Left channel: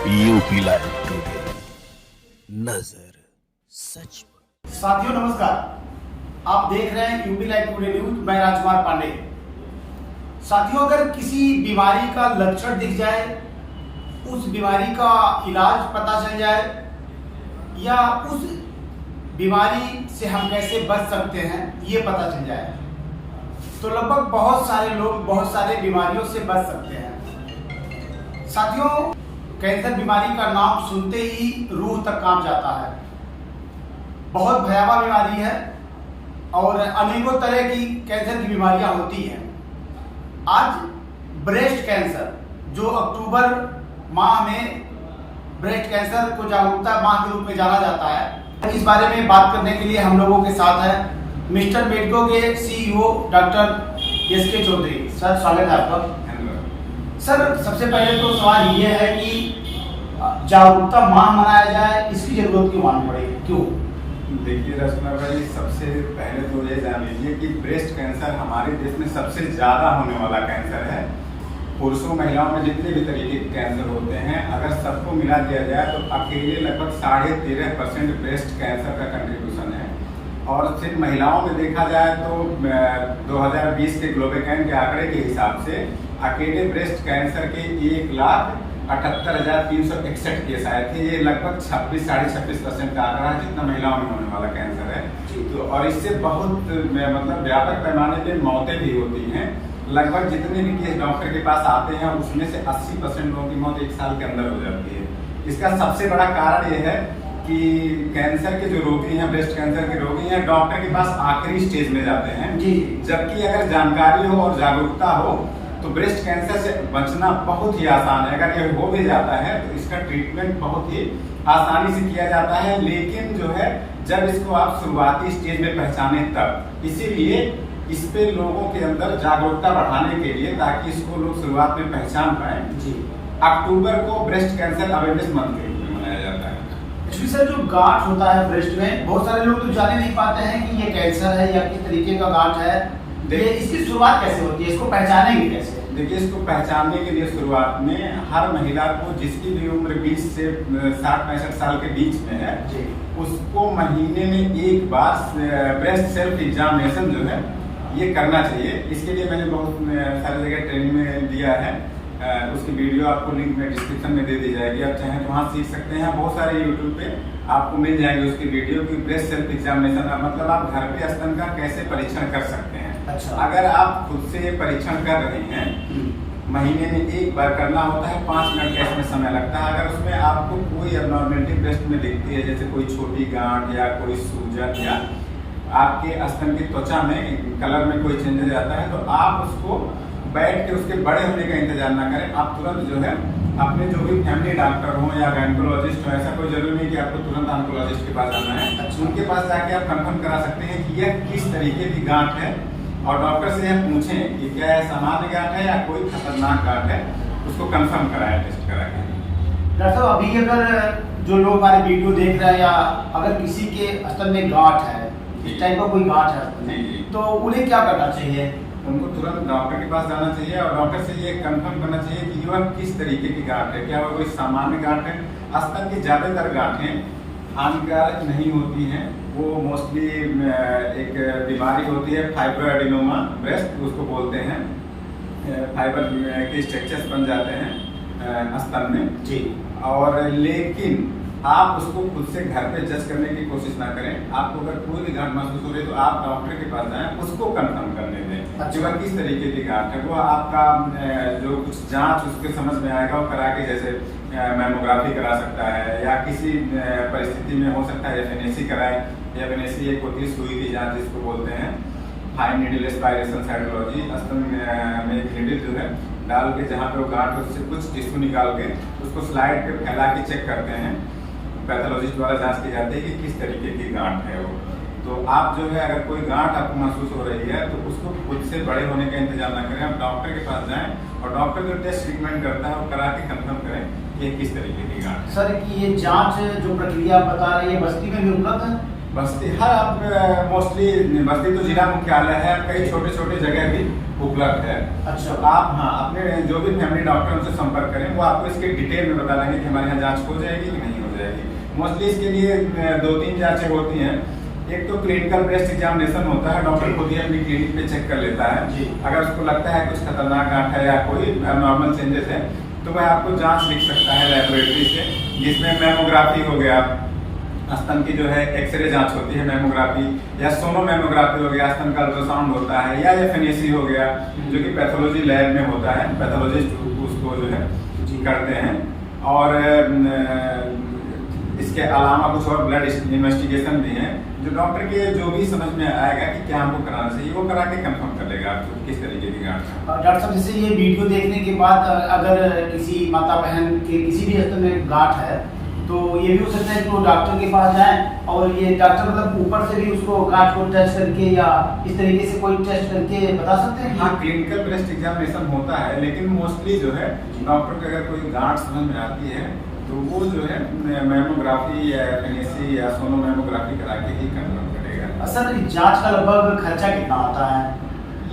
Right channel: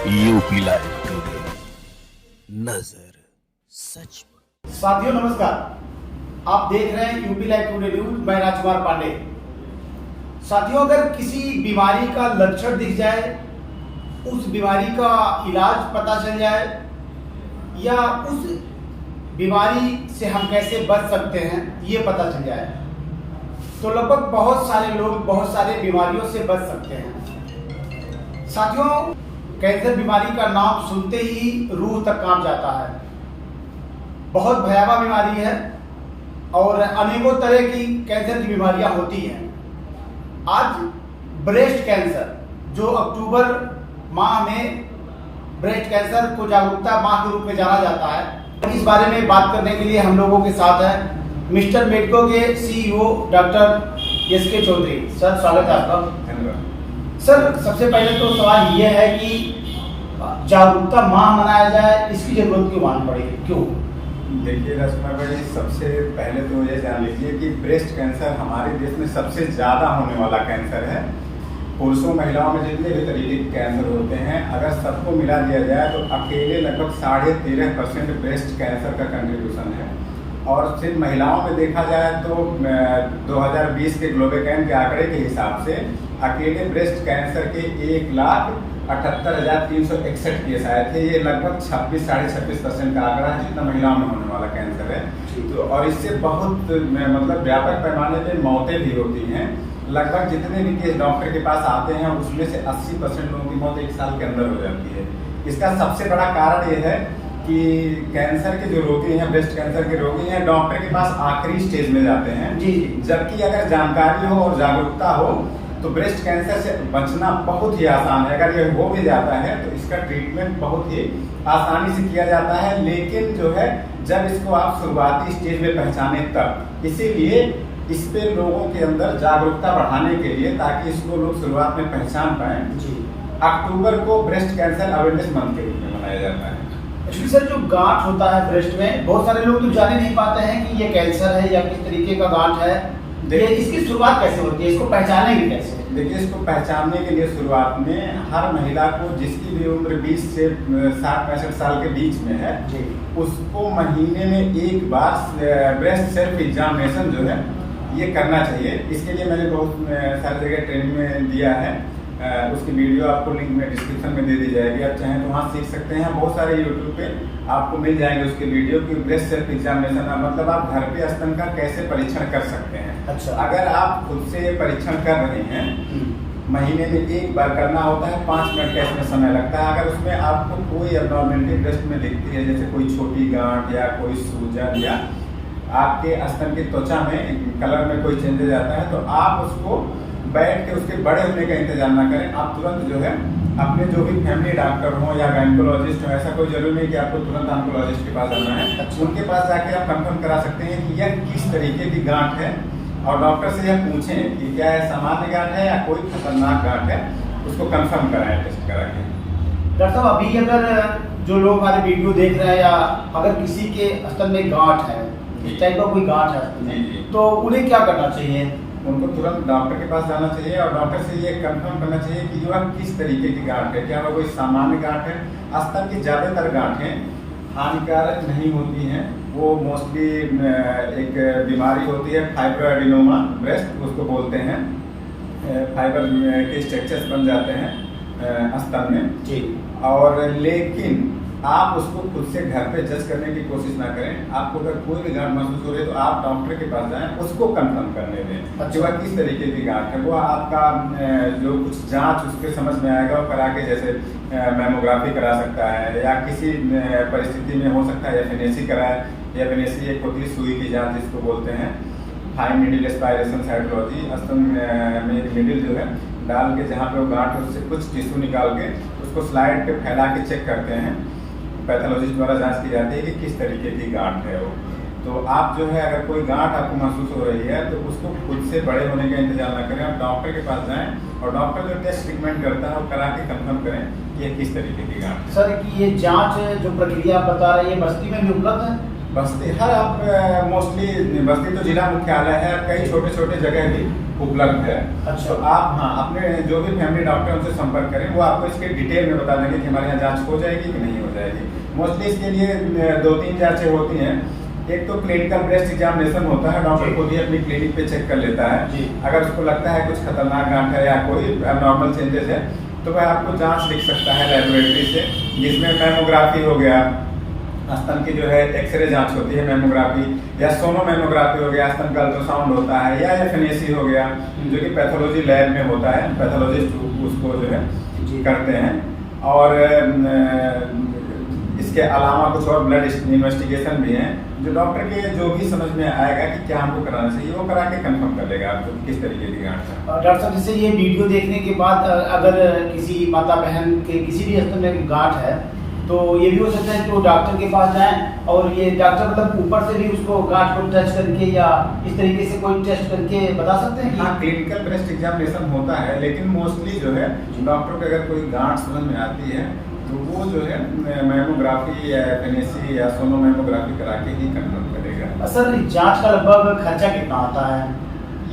UP live today, नजर सच पर। साथियों नमस्कार, आप देख रहे हैं यूपी लाइव टुडे न्यूज। मैं राजकुमार पांडे। साथियों, अगर किसी बीमारी का लक्षण दिख जाए, उस बीमारी का इलाज पता चल जाए या उस बीमारी से हम कैसे बच सकते हैं ये पता चल जाए, तो लगभग बहुत सारे लोग बहुत सारे बीमारियों से बच सकते हैं। साथियों, कैंसर बीमारी का नाम सुनते ही रूह तक कांप जाता है। बहुत भयावह बीमारी है और अनेकों तरह की कैंसर की बीमारियां होती हैं। आज ब्रेस्ट कैंसर, जो अक्टूबर माह में ब्रेस्ट कैंसर को जागरूकता माह के रूप में जाना जाता है, इस बारे में बात करने के लिए हम लोगों के साथ है मिस्टर मेडिको के CEO doctor SK Chaudhary. Sir, स्वागत है आपका। सर, सबसे पहले तो सवाल ये है कि जागरूकता माह मनाया जाए, इसकी जरूरत क्यों मालूम पड़ेगी, क्यों? देखिए राजकुमार भाई, सबसे पहले तो ये जान लीजिए कि ब्रेस्ट कैंसर हमारे देश में सबसे ज़्यादा होने वाला कैंसर है। पुरुषों महिलाओं में जितने भी तरीके के कैंसर होते हैं, अगर सबको मिला दिया जाए तो अकेले लगभग 13.5% ब्रेस्ट कैंसर का कंट्रीब्यूशन है। और सिर्फ महिलाओं में देखा जाए तो 2020 के ग्लोबोकैन के आंकड़े के हिसाब से अकेले ब्रेस्ट कैंसर के 1,78,361 केस आए थे। ये लगभग 26-26.5% का आंकड़ा है जितना महिलाओं में होने वाला कैंसर है। तो और इससे बहुत मतलब व्यापक पैमाने पे मौतें भी होती हैं। लगभग जितने भी केस डॉक्टर के पास आते हैं उसमें से 80% लोगों की मौत 1 साल के अंदर हो जाती है। इसका सबसे बड़ा कारण यह है कि कैंसर के जो रोगी हैं, ब्रेस्ट कैंसर के रोगी हैं, डॉक्टर के पास आखिरी स्टेज में जाते हैं। जबकि अगर जानकारी हो और जागरूकता हो तो ब्रेस्ट कैंसर से बचना बहुत ही आसान है। अगर यह हो भी जाता है तो इसका ट्रीटमेंट बहुत ही आसानी से किया जाता है। लेकिन जो है, जब इसको आप शुरुआती स्टेज में पहचाने तब, इसीलिए इस पे लोगों के अंदर जागरूकता बढ़ाने के लिए, ताकि इसको लोग शुरुआत में पहचान पाए, अक्टूबर को ब्रेस्ट कैंसर अवेयरनेस मंथ के रूप में मनाया जाता है। एक्चुअली सर, जो गांठ होता है ब्रेस्ट में, बहुत सारे लोग तो जान नहीं पाते हैं कि ये कैंसर है या किस तरीके का गांठ है। इसकी शुरुआत कैसे होती है, इसको पहचानेंगे कैसे? देखिए, इसको पहचानने के लिए शुरुआत में हर महिला को, जिसकी भी उम्र 20 से 60-65 साल के बीच में है, उसको महीने में एक बार ब्रेस्ट सेल्फ एग्जामिनेशन जो है ये करना चाहिए। इसके लिए मैंने बहुत सारी जगह ट्रेनिंग में दिया है। उसकी वीडियो आपको लिंक में डिस्क्रिप्शन में दे दी जाएगी, आप चाहें तो वहाँ सीख सकते हैं। बहुत सारे यूट्यूब पे आपको मिल जाएंगे उसकी वीडियो की ब्रेस्ट सेल्फ एग्जामिनेशन, मतलब आप घर पे स्तन का कैसे परीक्षण कर सकते हैं। अच्छा। अगर आप खुद से ये परीक्षण कर रहे हैं, महीने में एक बार करना होता है, 5 मिनट का इसमें समय लगता है। अगर उसमें आपको कोई एबनॉर्मेलिटी ब्रेस्ट में दिखती है, जैसे कोई छोटी गांठ या कोई सूजन या आपके स्तन की त्वचा में कलर में कोई चेंजेस आता है, तो आप उसको बैठ के उसके बड़े होने का इंतजार ना करें। आप तुरंत जो है अपने जो भी फैमिली डॉक्टर हो या गायनेकोलॉजिस्ट हो, ऐसा कोई जरूरी नहीं कि आपको तुरंत ऑन्कोलॉजिस्ट के पास जाना है। उनके पास जाके आप कंफर्म करा सकते हैं कि यह किस तरीके की गांठ है, और डॉक्टर से यह पूछें कि क्या यह सामान्य गांठ है या कोई खतरनाक गांठ है, उसको कंफर्म कराएं टेस्ट करा के। डॉक्टर साहब, अभी अगर जो लोग हमारे वीडियो देख रहे हैं या अगर किसी के स्तन में गांठ है, इस टाइप का कोई गांठ है, तो उन्हें क्या करना चाहिए? उनको तुरंत डॉक्टर के पास जाना चाहिए और डॉक्टर से ये कंफर्म करना चाहिए कि यह किस तरीके की गांठ है। क्या वह कोई सामान्य गांठ है? स्तन की ज्यादातर गांठें हानिकारक नहीं होती हैं। वो मोस्टली एक बीमारी होती है फाइब्रोएडिनोमा ब्रेस्ट, उसको बोलते हैं। फाइबर के स्ट्रक्चर्स बन जाते हैं स्तन में जी। और लेकिन आप उसको खुद से घर पे जज करने की कोशिश ना करें। आपको अगर कोई भी गांठ महसूस हो रही है तो आप डॉक्टर के पास जाएं, उसको कंफर्म करने दें कि वह किस तरीके की गांठ है। वो आपका जो कुछ जांच उसके समझ में आएगा वो करा के, जैसे मैमोग्राफी करा सकता है या किसी परिस्थिति में हो सकता है एफएनएसी कराए। एफएनएसी एक होती है सुई की जाँच जिसको बोलते हैं, फाइन नीडल एस्पायरेशन साइटोलॉजी। स्तन में एक नीडल जो है डाल के, जहाँ पे वो गांठ है उससे कुछ टिश्यू निकाल के उसको स्लाइड पे फैला के चेक करते हैं। पैथोलॉजिस्ट द्वारा जांच की जाती है कि किस तरीके की गांठ है वो। तो आप जो है, अगर कोई गांठ आपको महसूस हो रही है तो उसको खुद से बड़े होने का इंतजार ना करें, आप डॉक्टर के पास जाएं और डॉक्टर जो टेस्ट ट्रीटमेंट करता है वो करा के कंफर्म करें कि ये किस तरीके की गांठ है। सर, कि ये जांच जो प्रक्रिया आप बता रहे हैं, ये बस्ती में भी उपलब्ध है? बस्ती हर आप मोस्टली बस्ती तो जिला मुख्यालय है, कई छोटे छोटे जगह भी उपलब्ध है। अच्छा। तो आप हाँ अपने जो भी फैमिली डॉक्टर उनसे संपर्क करें, वो आपको इसके डिटेल में बता देंगे कि हमारे यहाँ जांच हो जाएगी कि नहीं हो जाएगी। मोस्टली इसके लिए 2-3 जांचें होती हैं। एक तो क्लिनिकल ब्रेस्ट एग्जामिनेशन होता है, डॉक्टर खुद ही अपनी क्लिनिक पे चेक कर लेता है। अगर उसको लगता है कुछ खतरनाक गांठ है या कोई नॉर्मल चेंजेस है तो वह आपको जांच लिख सकता है लेबोरेटरी से, जिसमें मेमोग्राफी हो गया, स्तन की जो है एक्सरे जांच होती है मेमोग्राफी, या सोनोमेमोग्राफी हो गया, स्तन का अल्ट्रासाउंड होता है, या एफएनएसी हो गया जो कि पैथोलॉजी लैब में होता है, पैथोलॉजिस्ट उसको जो है करते हैं। और इसके अलावा कुछ और ब्लड इन्वेस्टिगेशन भी हैं जो डॉक्टर के जो भी समझ में आएगा कि क्या हमको कराना चाहिए वो करा के कंफर्म कर लेगा आपको किस तरीके की गांठ है। डॉक्टर साहब, जैसे ये वीडियो देखने के बाद अगर किसी माता बहन के किसी भी स्तन में गांठ है तो ये भी हो सकता है कि वो डॉक्टर के पास जाएं और ये डॉक्टर मतलब ऊपर से भी उसको गांठ को टच करके या इस तरीके से कोई टेस्ट करके बता सकते हैं? हाँ, क्लिनिकल ब्रेस्ट एग्जामिनेशन होता है, लेकिन मोस्टली जो है डॉक्टर को अगर कोई गांठ समझ में आती है तो वो जो है मेमोग्राफी या एफएनएसी या सोनोमेमोग्राफी करा के ही कंफर्म करेगा। सर, जांच का लगभग खर्चा कितना आता है?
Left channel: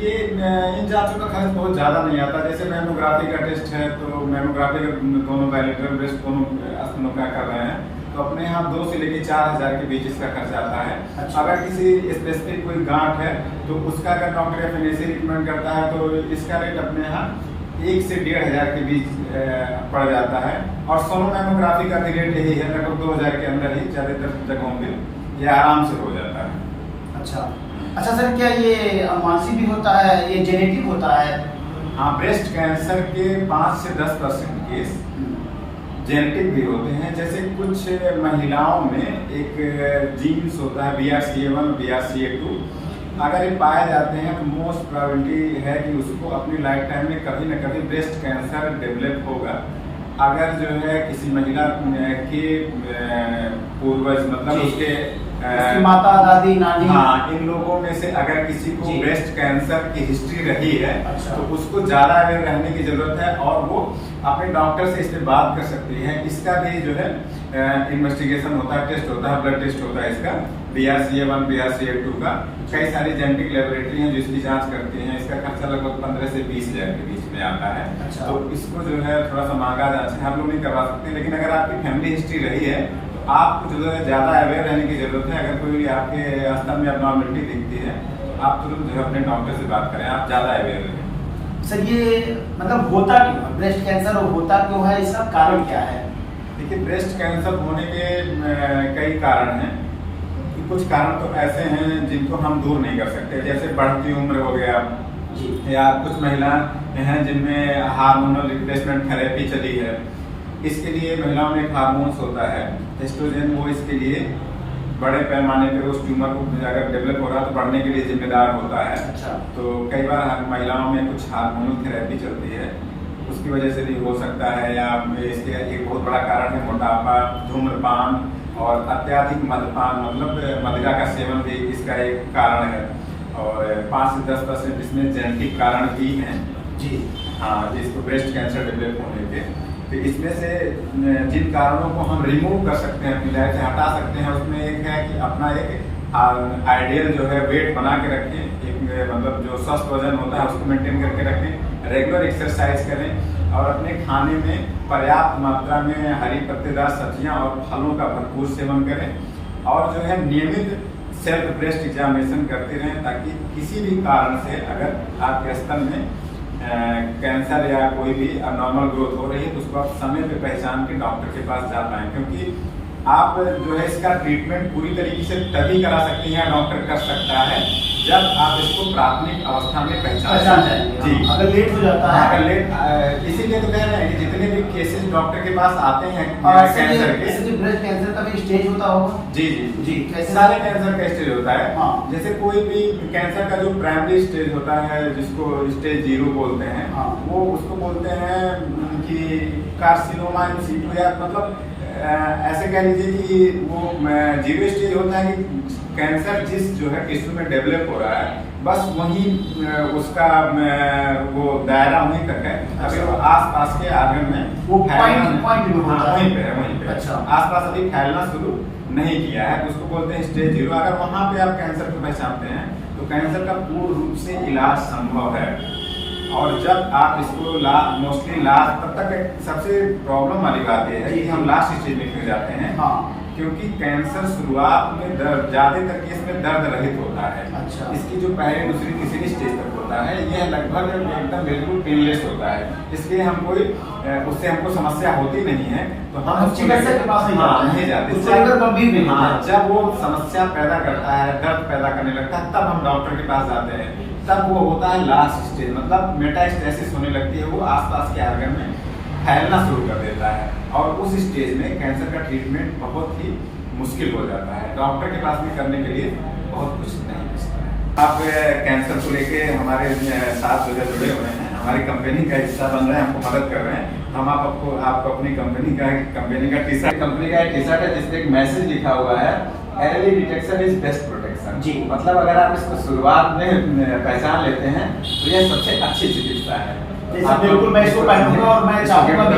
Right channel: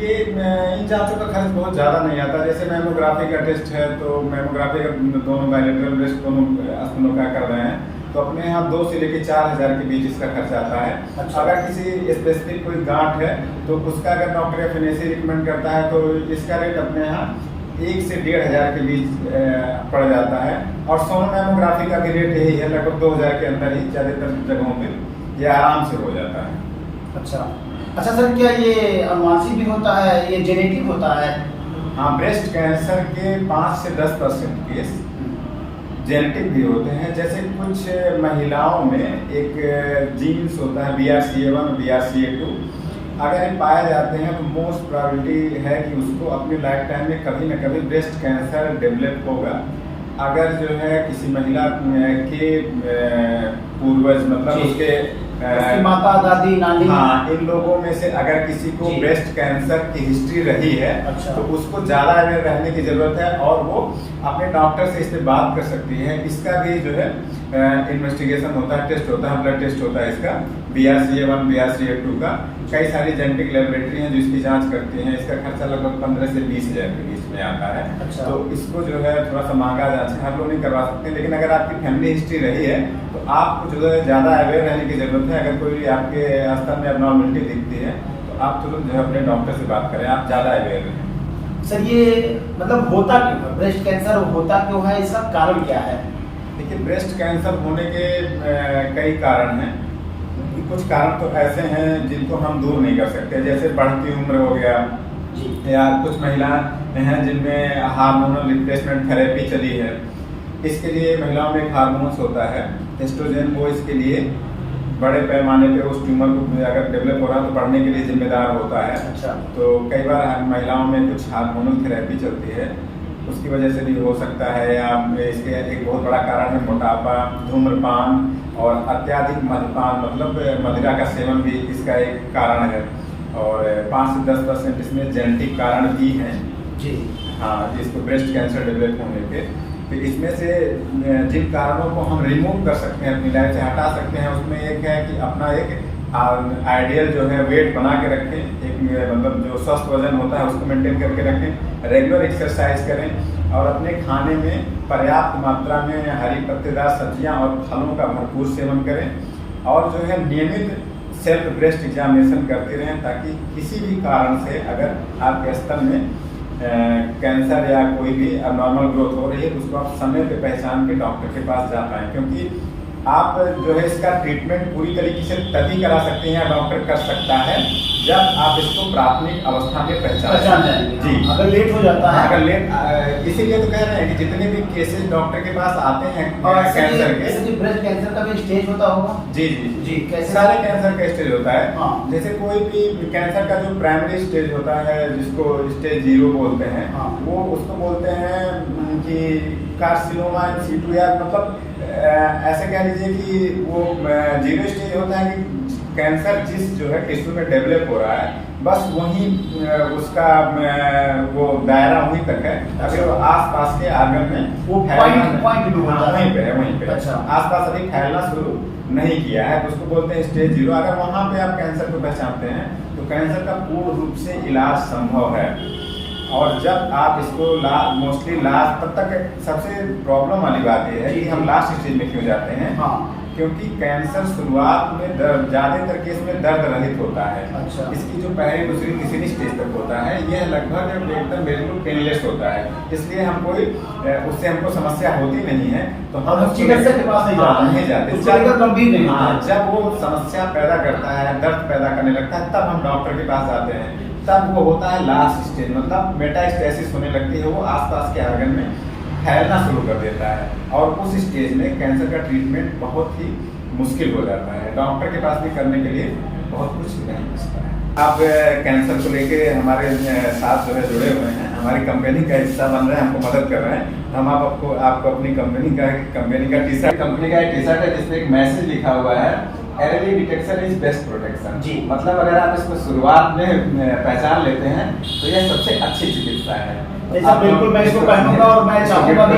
ये इन जांचों का खर्च बहुत ज़्यादा नहीं आता। जैसे मेमोग्राफी का टेस्ट है तो मेमोग्राफी का दोनों बायलेटरल ब्रेस्ट दोनों स्तनों का कर रहे हैं तो अपने यहाँ 2 से लेकर 4,000 के बीच इसका खर्चा आता है। अच्छा। अगर किसी स्पेसिफिक कोई गांठ है तो उसका अगर डॉक्टर एफएनएसी रिकमेंड करता है तो इसका रेट अपने यहाँ 1 से 1,500 के बीच पड़ जाता है। और सोनोमेमोग्राफी का भी रेट यही है, लगभग 2,000 के अंदर ही ज़्यादातर जगहों पे ये आराम से हो जाता है। अच्छा सर, क्या ये अनुवांशिक भी होता है, ये जेनेटिक होता है? हाँ, ब्रेस्ट कैंसर के 5 से 10% केस जेनेटिक भी होते हैं। जैसे कुछ महिलाओं में एक जीन्स होता है BRCA1 और BRCA2, अगर ये पाए जाते हैं तो मोस्ट प्रोबेबिलिटी है कि उसको अपनी लाइफ टाइम में कभी न कभी ब्रेस्ट कैंसर डेवलप होगा। अगर जो है किसी महिला के पूर्वज मतलब उसके माता, दादी, नानी, हाँ, इन लोगों में से अगर किसी को ब्रेस्ट कैंसर की हिस्ट्री रही है अच्छा। तो उसको ज्यादा अवेयर रहने की जरूरत है और वो अपने डॉक्टर से इस पे बात कर सकती है। इसका भी जो है इन्वेस्टिगेशन होता है, टेस्ट होता है, ब्लड टेस्ट होता है इसका BRCA1 BRCA2 का। कई सारी जेनेटिक लेबोरेटरी हैं जो इसकी जांच करती हैं। इसका खर्चा लगभग 15 से 20,000 के बीच में आता है। अच्छा। तो इसको जो है थोड़ा सा महंगा जांच है, हम लोग नहीं करवा सकते, लेकिन अगर आपकी फैमिली हिस्ट्री रही है तो आपको जो है ज्यादा अवेयर रहने की जरूरत है। अगर कोई आपके स्तन में अबनॉर्मलिटी दिखती है तो आप तुरंत जो है अपने डॉक्टर से बात करें, आप ज्यादा अवेयर रहें। सर, ये मतलब होता क्यों है ब्रेस्ट कैंसर, होता क्यों है, इसका कारण क्या है? देखिए, ब्रेस्ट कैंसर होने के कई कारण हैं। कुछ कारण तो ऐसे हैं जिनको हम दूर नहीं कर सकते, जैसे बढ़ती उम्र हो गया, या कुछ महिलाएं हैं जिनमें हार्मोनल रिप्लेसमेंट थेरेपी चली है। इसके लिए महिलाओं में एक हार्मोन्स होता है एस्ट्रोजन, वो इसके लिए बड़े पैमाने पे उस ट्यूमर को अगर डेवलप हो रहा है तो बढ़ने के लिए जिम्मेदार होता है। अच्छा। तो कई बार महिलाओं में कुछ हार्मोनल थेरेपी चलती है, उसकी वजह से भी हो सकता है। या इसके एक बहुत बड़ा कारण है मोटापा, धूम्रपान और अत्यधिक मद्यपान, मतलब मदिरा का सेवन भी इसका एक कारण है। और 5 से 10% इसमें जेनेटिक कारण भी हैं जी। हाँ, इसको ब्रेस्ट कैंसर डेवलप होने पे। तो इसमें से जिन कारणों को हम रिमूव कर सकते हैं, अपनी लाइफ से हटा सकते हैं, उसमें एक है कि अपना एक आइडियल जो है वेट बना के रखें, एक मतलब जो स्वस्थ वजन होता है उसको मेंटेन करके रखें, रेगुलर एक्सरसाइज करें और अपने खाने में पर्याप्त मात्रा में हरी पत्तेदार सब्जियां और फलों का भरपूर सेवन करें और जो है नियमित सेल्फ ब्रेस्ट एग्जामिनेशन करते रहें, ताकि किसी भी कारण से अगर आपके स्तन में कैंसर या कोई भी अबनॉर्मल ग्रोथ हो रही है तो उसको आप समय पे पहचान के डॉक्टर के पास जा पाएं। क्योंकि आप जो है इसका ट्रीटमेंट पूरी तरीके से तभी करा सकते हैं या डॉक्टर कर सकता है जब आप इसको प्राथमिक अवस्था में पहचान जाएंगे। जी, अगर लेट हो जाता है, अगर लेट, इसीलिए तो कह रहे हैं कि जितने भी केसेस डॉक्टर के पास आते हैं कैंसर के, ब्रेस्ट कैंसर का भी स्टेज होता होगा? जी जी जी, कैसे? सारे कैंसर का स्टेज होता है। हाँ। जैसे कोई भी कैंसर का जो प्राइमरी स्टेज होता है जिसको स्टेज 0 बोलते हैं, हाँ। वो उसको बोलते हैं कि कार्सिनोमा इन सीटू, या मतलब ऐसे कह लीजिए कि वो 0 स्टेज होता है कि कैंसर जिस जो है टिश्यू में डेवलप हो रहा है बस वहीं उसका वो दायरा वहीं तक है। अभी वो आसपास के आंगन में वो पॉइंट में होता है, वहीं पे है, वहीं पे। अच्छा। आसपास अभी फैलना शुरू नहीं किया है तो उसको बोलते हैं स्टेज 0। अगर वहां पे आप कैंसर को पहचानते हैं तो कैंसर का पूर्ण रूप से इलाज संभव है। और जब आप इसको मोस्टली लास्ट तब तक, सबसे प्रॉब्लम वाली बात यह है कि हम लास्ट स्टेज में क्यों जाते हैं। हाँ, क्योंकि कैंसर शुरुआत में ज्यादातर केस में दर्द रहित होता है। अच्छा। इसकी जो पहली दूसरी तीसरी स्टेज तक होता है यह लगभग एकदम बिल्कुल पेनलेस होता है, इसलिए हम कोई उससे हमको समस्या होती नहीं है। तो हम चिकित्सक के पास नहीं जाते, उसको लेकर गंभीर नहीं होते। जब वो समस्या पैदा करता है, दर्द पैदा करने लगता है, तब हम डॉक्टर के पास जाते हैं। तब वो होता है लास्ट स्टेज, मतलब मेटास्टेसिस होने लगती है, वो आसपास के आर्गन में फैलना शुरू कर देता है और उस स्टेज में कैंसर का ट्रीटमेंट बहुत ही मुश्किल हो जाता है। डॉक्टर के पास भी करने के लिए बहुत कुछ नहीं बचता है। आप कैंसर को लेके हमारे साथ जो है जुड़े हुए हैं, हमारी कंपनी का हिस्सा बन रहे हैं, हमको मदद कर रहे हैं। हम आपको अपनी कंपनी का टी शर्ट, कंपनी का टी शर्ट है जिसपे एक मैसेज लिखा हुआ है, early detection is best protection. जी, मतलब अगर आप इसको शुरुआत में पहचान लेते हैं तो यह सबसे अच्छी चिकित्सा है। बिल्कुल मैं इसको पहनूंगा और मैं चाहूंगा भी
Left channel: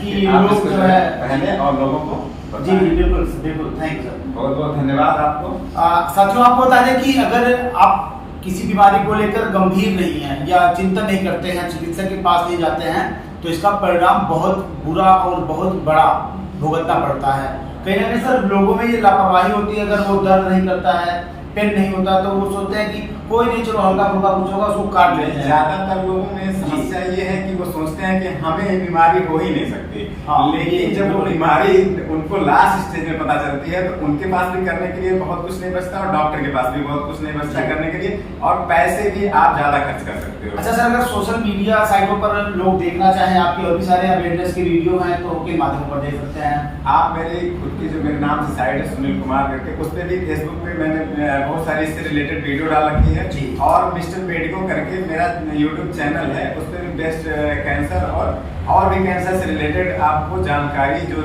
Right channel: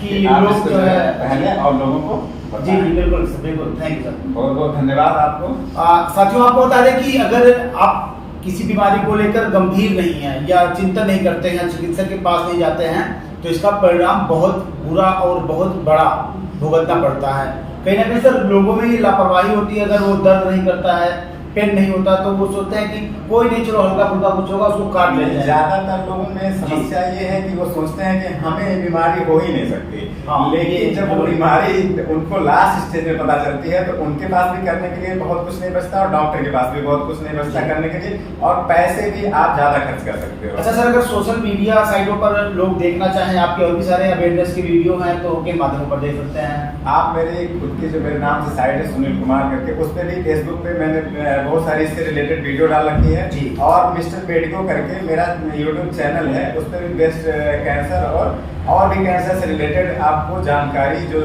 कि लोग जो है पहने और लोगों को जी बिल्कुल बिल्कुल, थैंक यू सर, बहुत बहुत धन्यवाद आपको। साथियों आपको बता दें कि अगर आप किसी बीमारी को लेकर गंभीर नहीं है या चिंतन नहीं करते हैं, चिकित्सक के पास नहीं जाते हैं, तो इसका परिणाम बहुत बुरा और बहुत बड़ा भुगतना पड़ता है। कहीं ना कहीं सर लोगों में ये लापरवाही होती है, अगर वो दर्द नहीं करता है, पेन नहीं होता, तो वो सोचते हैं कि कोई नहीं, चलो हल्का फुल्का कुछ होगा, उसको काट लेते हैं। ज्यादातर लोगों में समस्या ये है कि वो सोचते हैं कि हमें बीमारी हो ही नहीं सकती। हाँ, लेकिन जब वो बीमारी उनको लास्ट स्टेज में पता चलती है तो उनके पास भी करने के लिए बहुत कुछ नहीं बचता और डॉक्टर के पास भी बहुत कुछ नहीं बचता करने के लिए, और पैसे भी आप ज्यादा खर्च कर सकते हो। अच्छा सर, अगर सोशल मीडिया साइटों पर लोग देखना चाहें आपके और भी सारे अवेयरनेस के वीडियो हैं तो किन माध्यमों पर देख सकते हैं? आप मेरे खुद की जो मेरे नाम से साइट है सुनील कुमार करके, उस पर भी फेसबुक पे मैंने बहुत सारी इससे रिलेटेड वीडियो डाल रखी है जी। और मिस्टर पेडिको करके मेरा यूट्यूब चैनल है, उस पर भी बेस्ट कैंसर और भी कैंसर से रिलेटेड आपको जानकारी, जो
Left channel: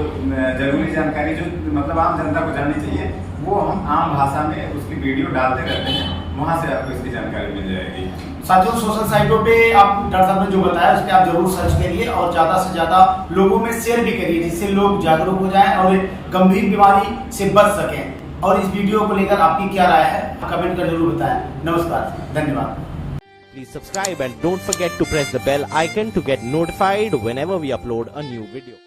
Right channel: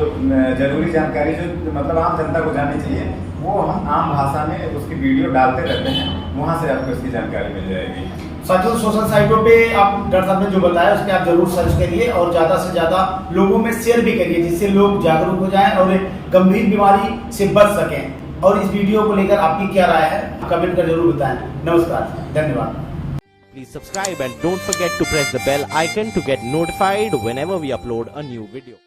जरूरी जानकारी जो मतलब आम जनता को जाननी चाहिए, वो हम आम भाषा में उसकी वीडियो डालते रहते हैं, वहां से आपको इसकी जानकारी मिल जाएगी। साथियों सोशल साइटों पे आप डॉक्टर साहब ने जो बताया उस पर आप जरूर सर्च करिए और ज्यादा से ज्यादा लोगों में शेयर भी करिए, जिससे लोग जागरूक हो जाएं और गंभीर बीमारी से बच सकें। और इस वीडियो को लेकर आपकी क्या राय है कमेंट कर जरूर बताएं। नमस्कार, धन्यवाद। Please subscribe and don't forget to press the bell icon to get notified whenever we upload a new video.